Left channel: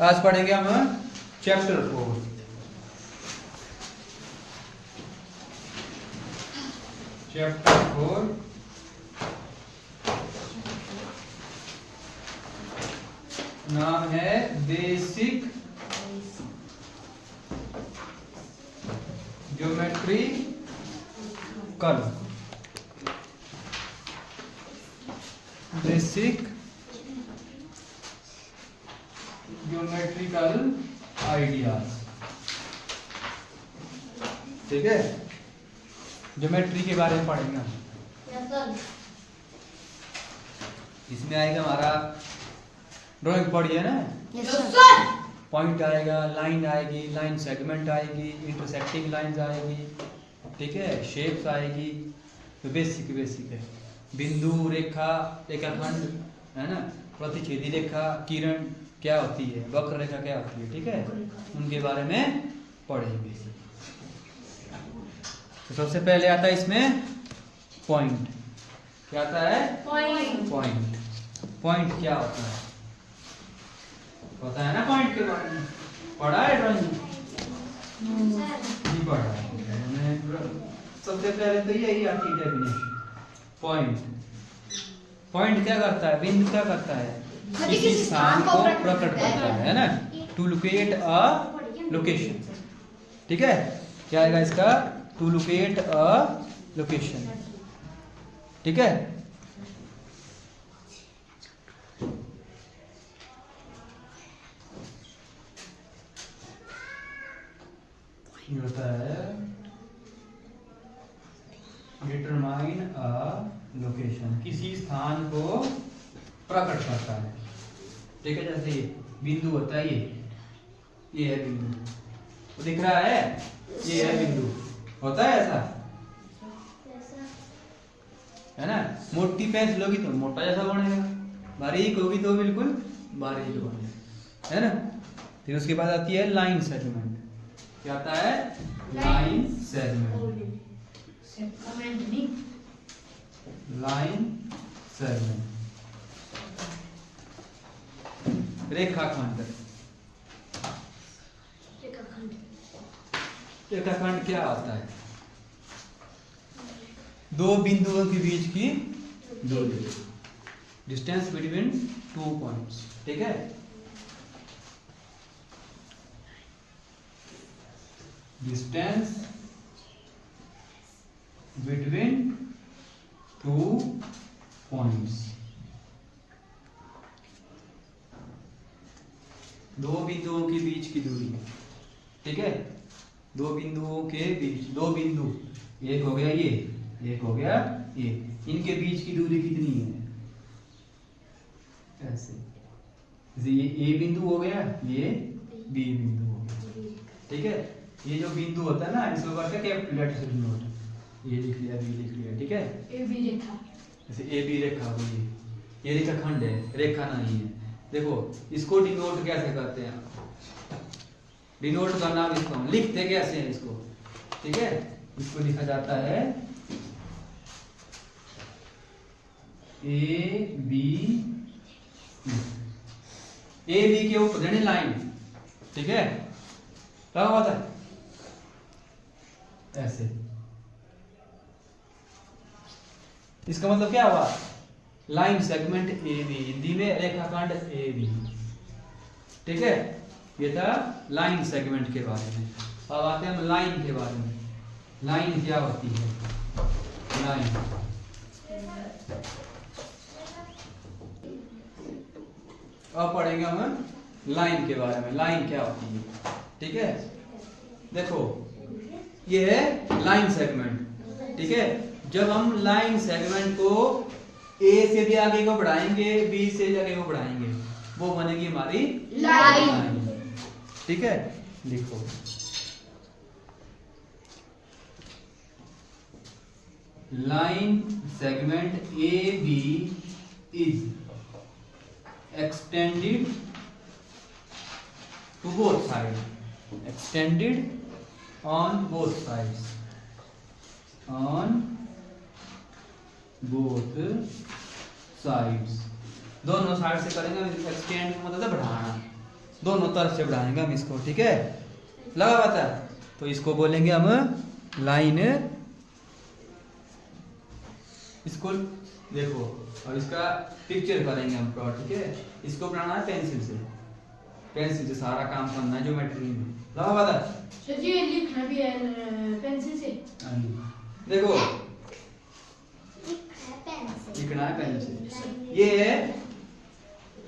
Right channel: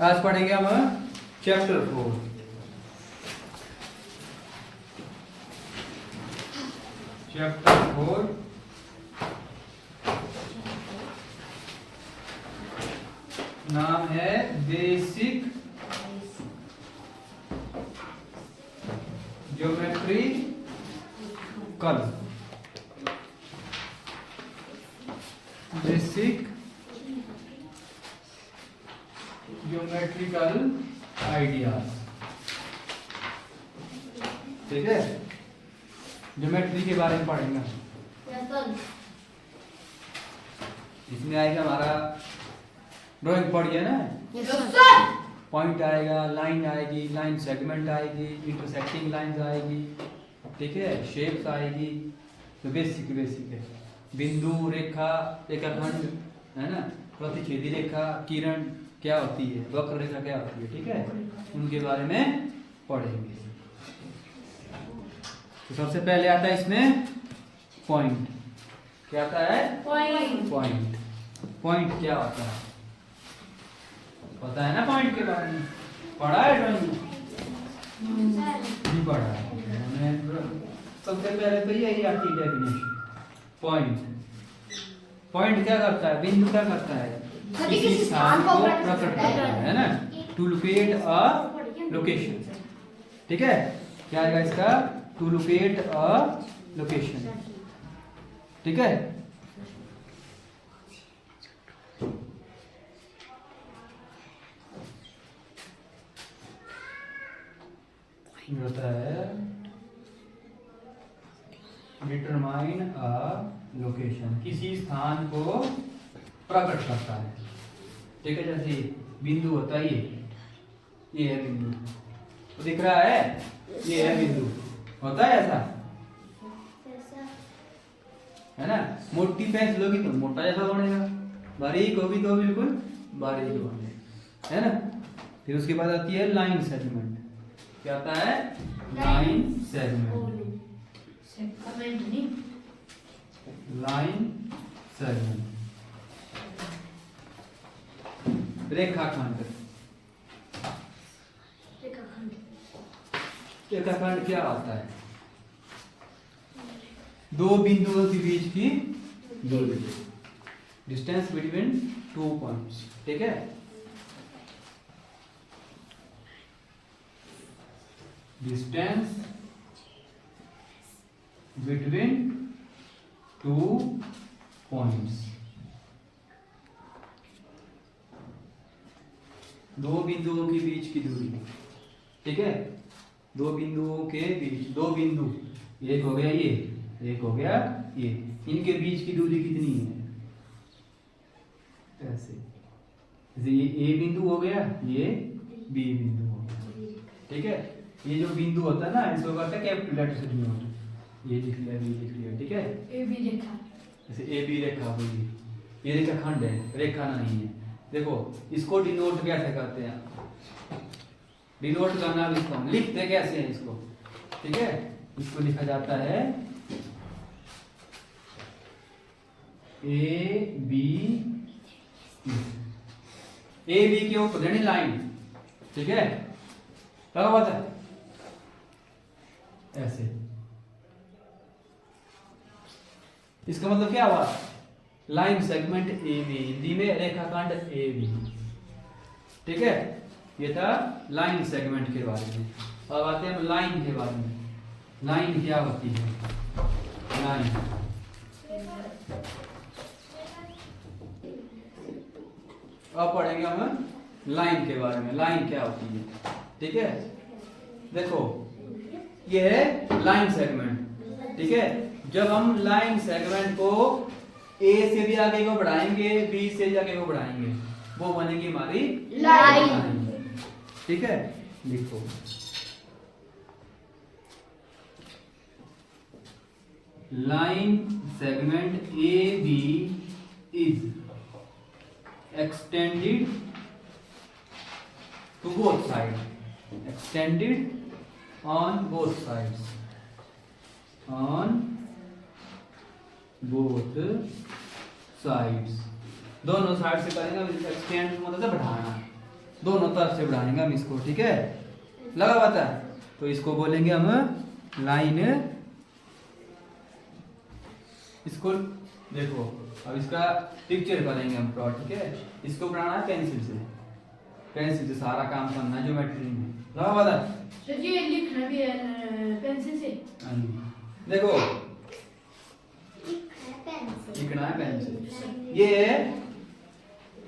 आज पढ़ेंगे हम चैप्टर 4। चैप्टर 4 नाम है basic geometrical. Basic geometrical ideas. ठीक है, ज्योमेट्री के बारे में पढ़ेंगे। इसमें आएगा हमारा ड्राइंग पढ़िए ना। पॉइंट आएगा, लाइन आएगी, लाइन सेगमेंट आएगी, इंटरसेक्टिंग लाइंस आएगी, ठीक है, शेप्स आएगी। तो बेसिक है। बिंदु, रेखा, रेखाखंड, है ना, प्रतिच्छेदी रेखा, किरण क्या होती है, वक्र रेखा क्या होती है, ठीक है, उनके बारे में पढ़ेंगे। तो सबसे पहले आता है इसमें पॉइंट। क्या आता है? पॉइंट। पॉइंट क्या होता है पता है ना? पॉइंट के बारे में पढ़ा है ड्राइंग नहीं पढ़ा है? सबसे पहले तो यही आती है डेफिनेशन। पॉइंट क्या करता है? बिंदु क्या करता है? किसी स्थान को प्रकट करता है ना, टू लोकेट अ लोकेशन। ठीक है, क्या आएगा इसका? To locate a location. ठीक है, होता है डिटरमाइन अ लोकेशन, किसी स्थान को प्रकट करता है। ठीक है, जैसे बिंदु होता है, ये है बिंदु, तो दिख रहा है, ये है बिंदु, होता है ऐसा, है ना। मोटी पेंसिल होगी तो मोटा जैसा बनेगा, बारीक होगी तो बिल्कुल बारीक होगी, है ना। फिर उसके बाद आती है लाइन सेगमेंट। क्या आता है? Line segment. Line segment. रेखाखंड। रेखाखंड क्या होता है? दो बिंदुओं के बीच की दूरी, डिस्टेंस बिटवीन टू पॉइंट्स। ठीक है, डिस्टेंस बिटवीन टू पॉइंट्स। दो बिंदुओं के बीच की दूरी। ठीक है, दो बिंदुओं के बीच, दो बिंदु, एक हो गया ये, एक हो गया ये, इनके बीच की दूरी कितनी है? ऐसे, ये ए बिंदु हो गया, ये बी बिंदु हो गया। ठीक है, ये जो बिंदु होता है ना, इसको कहते हैं कैपिटल लेटर से डिनोट। ये लिख लिया, बी लिख लिया। ठीक है, ए बी रेखा, जैसे ए बी रेखा होगी, ये रेखाखंड है, रेखा नहीं है। देखो इसको डिनोट कैसे करते हैं? डिनोट करना इसको हम लिखते कैसे हैं इसको? ठीक है, इसको लिखा जाता है ए बी के ऊपर यानी लाइन। ठीक है, क्या होता है? ऐसे। इसका मतलब क्या हुआ? Line segment A B, Hindi में रेखाखंड ए बी। ठीक है, ये था लाइन सेगमेंट के बारे में। अब आते हैं लाइन के बारे में। लाइन क्या होती है? लाइन, अब पढ़ेंगे हम लाइन के बारे में। लाइन क्या होती है? ठीक है, देखो ये है लाइन सेगमेंट। ठीक है, जब हम लाइन सेगमेंट को ए से भी आगे को बढ़ाएंगे, बी से भी आगे को बढ़ाएंगे, वो बनेगी हमारी लाइन। ठीक है, लिखो line segment A B is extended to both sides, extended on both sides, on both sides, दोनों साइड से करेंगे। एक्सटेंड मतलब बढ़ाना, दोनों तरफ से बढ़ाएंगे हम इसको, ठीक है, लगा हुआ था। तो इसको बोलेंगे हम लाइन। इसको देखो, अब इसका पिक्चर करेंगे हम प्लॉट, ठीक है। इसको बनाना है पेंसिल से, पेंसिल से सारा काम करना है ज्योमेट्री में, लगा हुआ था। सर जी लिखना भी है पेंसिल से। हाँ जी, देखो लिखना है पेंसिल। ये है,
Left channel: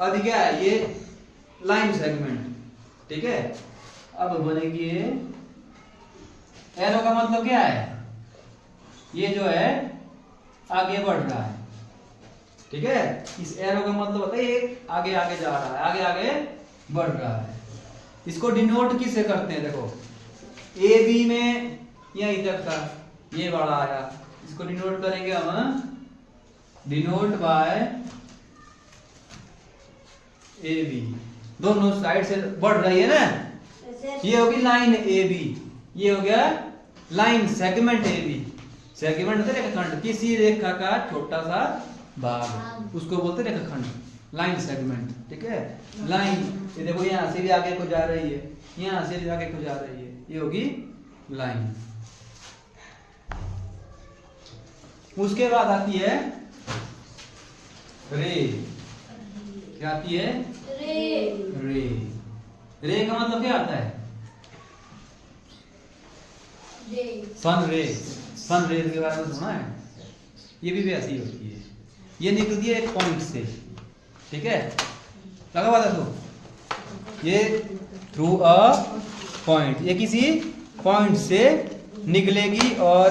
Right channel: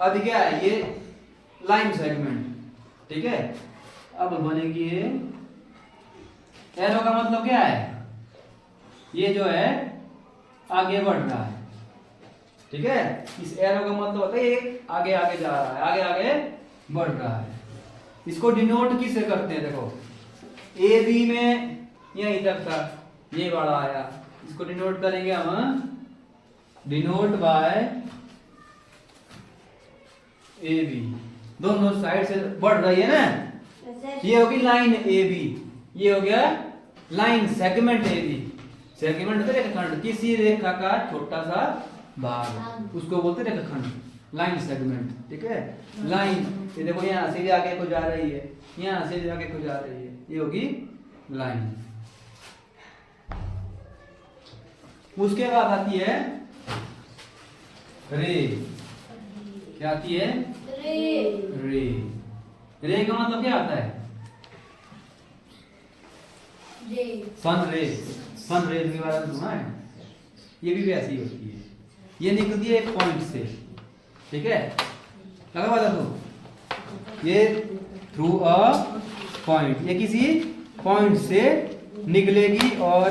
अब क्या है, ये लाइन सेगमेंट, ठीक है। अब बोलेंगे एरो का मतलब क्या है, ये जो है आगे बढ़ रहा है, ठीक है। इस एरो का मतलब होता है ये आगे आगे जा रहा है, आगे आगे बढ़ रहा है। इसको डिनोट किससे करते हैं, देखो ए बी में यहीं तक था, ये वाला आया, इसको डिनोट करेंगे हम, डिनोट बाय ए बी। दोनों साइड से बढ़ रही है ना, ये होगी लाइन ए बी, ये हो गया line segment A B. Segment होता है रेखाखंड, किसी रेखा का छोटा सा भाग, उसको बोलते हैं रेखाखंड, लाइन सेगमेंट, ठीक है। लाइन, ये देखो यहाँ से भी आगे को जा रही है, यहाँ से भी आगे को जा रही है, ये होगी लाइन। उसके बाद आती है रे, क्या आती है, रे। रे का मतलब क्या आता है, सन रे। सन रे के बारे में सुना है, ये भी ऐसी होती है, ये निकलती है एक पॉइंट से, ठीक है, लगा हुआ था। ये थ्रू अ पॉइंट, ये किसी पॉइंट से निकलेगी और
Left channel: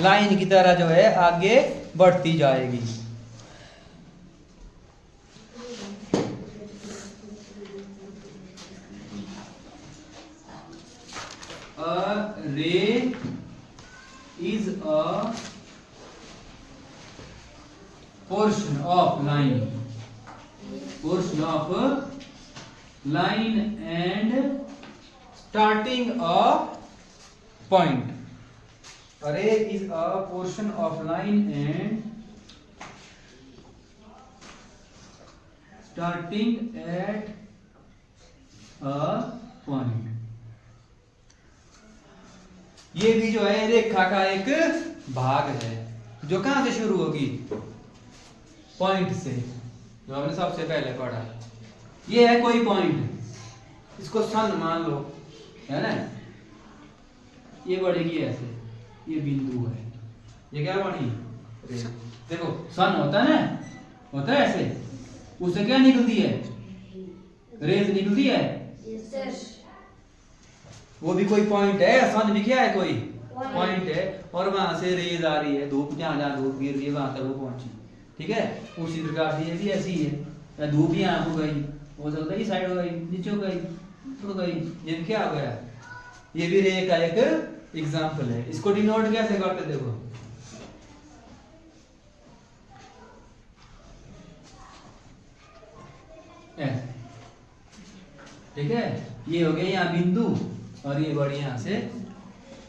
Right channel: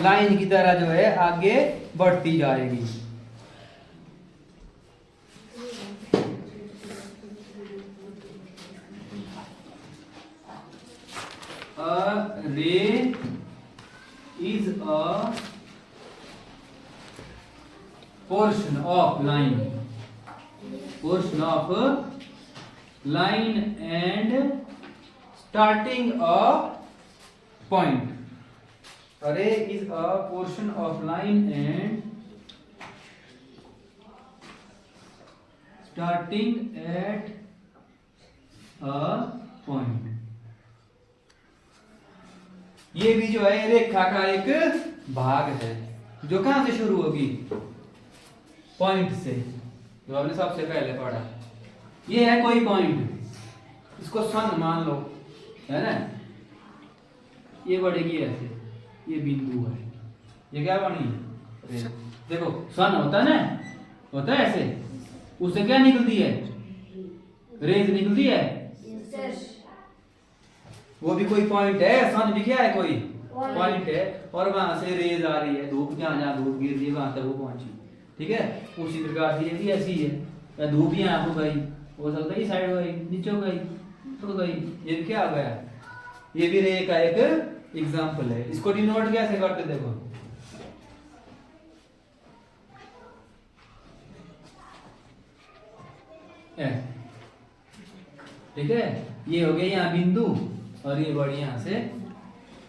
लाइन की तरह जो है आगे बढ़ती जाएगी। A ray is a portion of line, portion of line and starting a point. A ray is a portion of line and starting at a point. ये भी जो है रेखा का एक भाग है, जो कहां से शुरू होगी, पॉइंट से, जो हमने सबसे पहले पढ़ा। ये है कोई पॉइंट, इसको सन मान लो, है ना, ये बढ़ेगी ऐसे, ये बिंदु है, ये क्या बनी, देखो सन होता है ना, होता है ऐसे, उससे क्या निकलती है, रेज निकलती है, वो भी कोई पॉइंट है। सन भी क्या है, कोई पॉइंट है, और वहां से रेज आ रही है, धूप जहां जहां धूप गिर रही है वहां तक वो पहुंची, ठीक है। उसी प्रकार से ये भी ऐसी है, या धूप यहाँ को गई, हो सकता है इस साइड हो गई, नीचे हो गई, तो गई, ये क्या आ गया, ये भी रे का एक एग्जाम्पल है। इसको डिनोट कैसे करते, देखो ठीक है, ये हो गया यहाँ बिंदु, और ये बढ़ी यहाँ से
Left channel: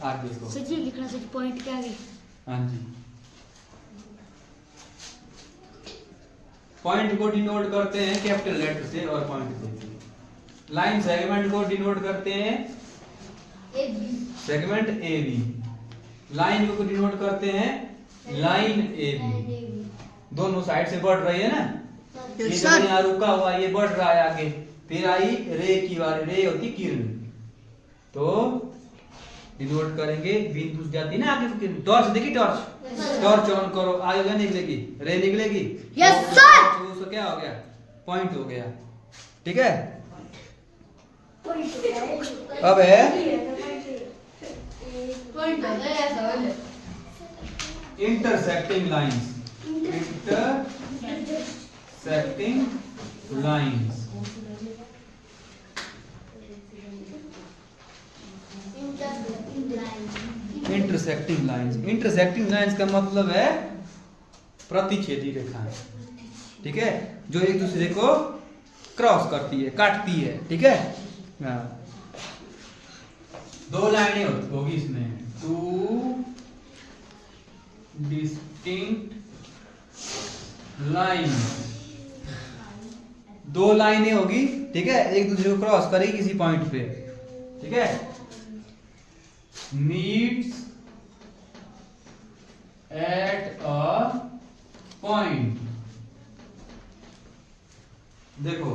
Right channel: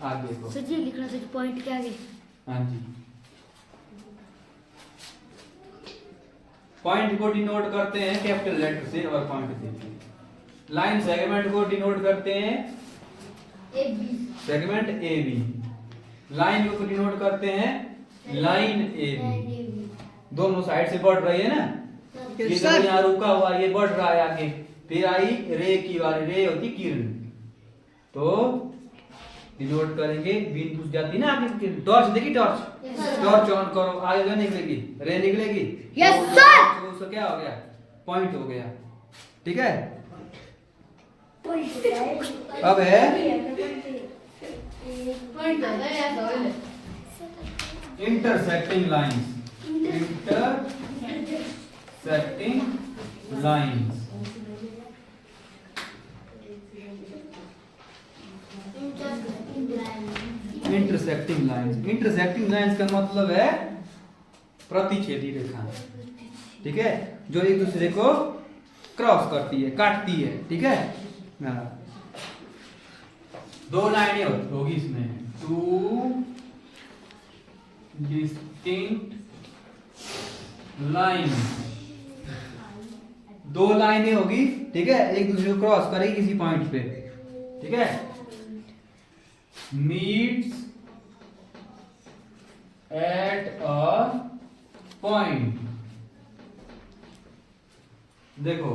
आगे को। सर जी लिखना सर पॉइंट के आगे। हाँ जी, पॉइंट को डिनोट करते हैं कैपिटल लेटर से और पॉइंट से। लाइन सेगमेंट को डिनोट करते हैं सेगमेंट ए बी। लाइन को डिनोट करते हैं लाइन ए बी। दोनों साइड से बढ़ रही है ना, ये जो यहाँ रुका हुआ ये बढ़ रहा है आगे, फिर आई रे की वाली, रे होती किरण, तो डिनोट करेंगे, बीन घुस जाती ना आगे की। टॉर्च देखी, टॉर्च ऑन करो, आगे क्या निकलेगी, रे निकलेगी। यस सर, तो उसका क्या हो गया, पॉइंट हो गया, ठीक है। अब है intersecting lines, intersecting lines. Intersecting lines, intersecting lines का मतलब है प्रतिच्छेदी रेखा, ठीक है, जो एक दूसरे को क्रॉस करती है, काटती है, ठीक है। दो लाइनें होगी इसमें, टू डिस्टिंक्ट लाइन दो लाइनें होगी, ठीक है, एक दूसरे को क्रॉस करेगी किसी पॉइंट पे, ठीक है, मीट्स एट अ पॉइंट। देखो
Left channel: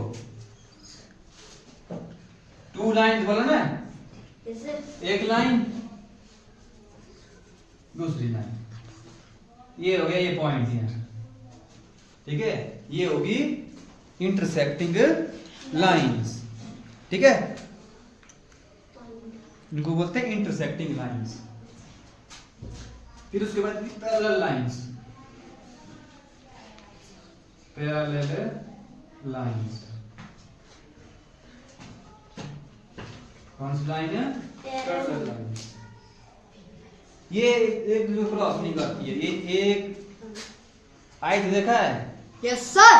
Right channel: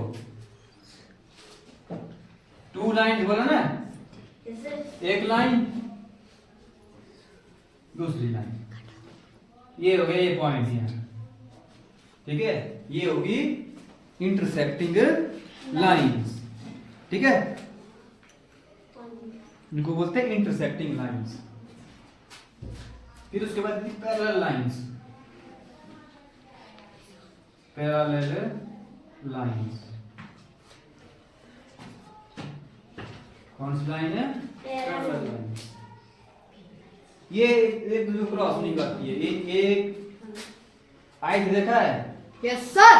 टू लाइन बोला ना, एक लाइन दूसरी लाइन, ये हो गया ये पॉइंट यहाँ, ठीक है, ये होगी इंटरसेक्टिंग लाइंस, ठीक है, इनको बोलते हैं इंटरसेक्टिंग लाइंस। फिर उसके बाद पैरेलल लाइंस, पैरेलल लाइंस कौन सी लाइन है? Parallel line. ये एक दूसरे को क्रॉस नहीं करती है, ये एक आई देखा है? Yes sir.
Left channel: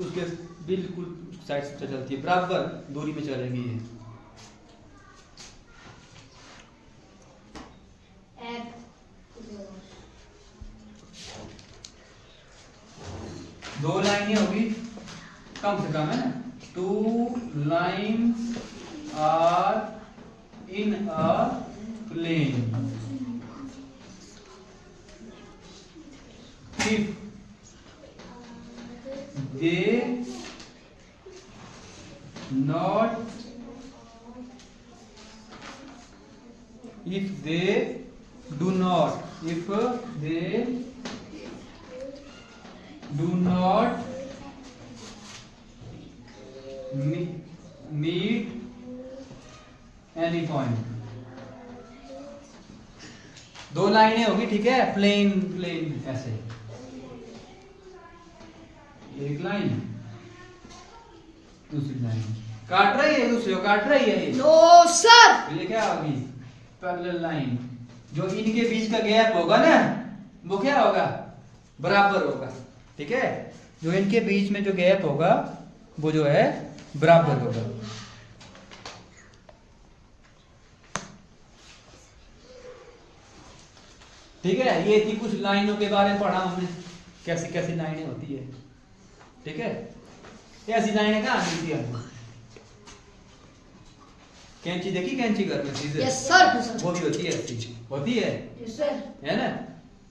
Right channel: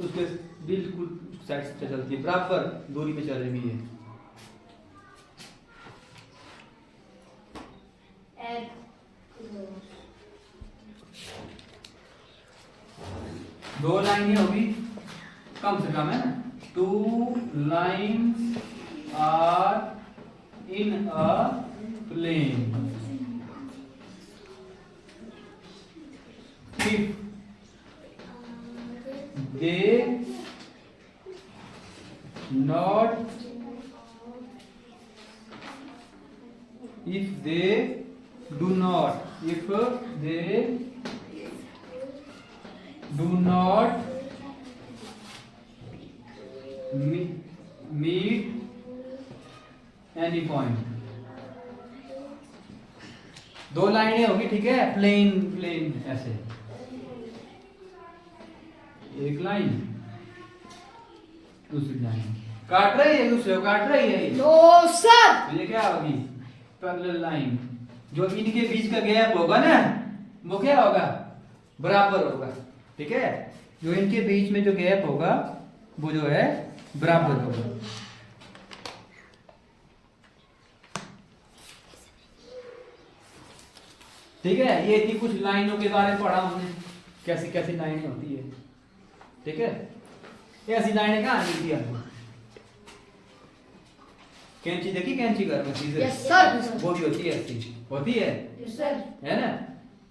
उसके बिल्कुल साइड से चलती है, बराबर दूरी पे चलेगी ये। दो लाइनें होगी, कम से कम है ना, two lines are in a plane if they not if they do not meet any point। दो लाइनें होगी, ठीक है, प्लेन प्लेन ऐसे, एक लाइन दूसरी लाइन काट रही है, दूसरे को काट रही है, नो सर। तो ये क्या होगी? Parallel line. जो इनके बीच का गैप होगा ना, वो क्या होगा? बराबर होगा, ठीक है, जो इनके बीच में जो गैप होगा वो जो है बराबर होगा। ठीक है, ये थी कुछ लाइनों के बारे में पढ़ा हमने, कैसी कैसी लाइनें होती है, ठीक है। ऐसी लाइनें कहाँ मिलती है आपको? कैंची देखी, कैंची घर में सीजर? Yes sir. वो भी होती है, ऐसी होती है, यस सर। है ना।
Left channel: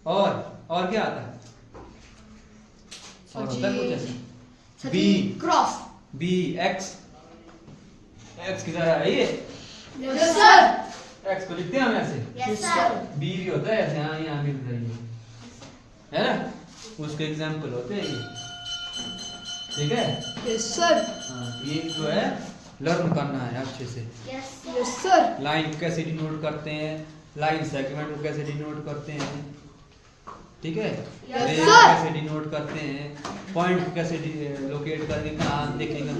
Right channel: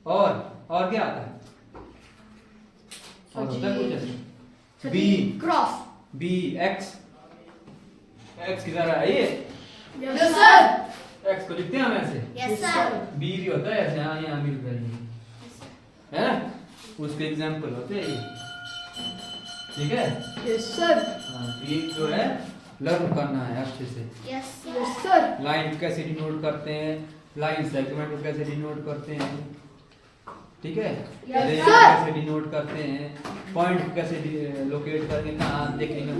और क्या आता है? और होता है कुछ ऐसा, बी क्रॉस, बी एक्स की तरह है ये। Yes sir. एक्स को लिखते हैं हम ऐसे, यस सर। बी भी होता है ऐसे, हाँ यहाँ भी होता है ये, है ना, उसके एग्जाम्पल होते हैं ये, ठीक है। Yes sir. हाँ, ये जो है लर्न करना है अच्छे से। Yes sir. लाइन को कैसे डिनोट करते हैं, लाइन सेगमेंट को कैसे डिनोट करते हैं, ठीक है, Yes, रेंज sir. कैसे डिनोट करते हैं, पॉइंट को कैसे लोकेट करके कहाँ देखेंगे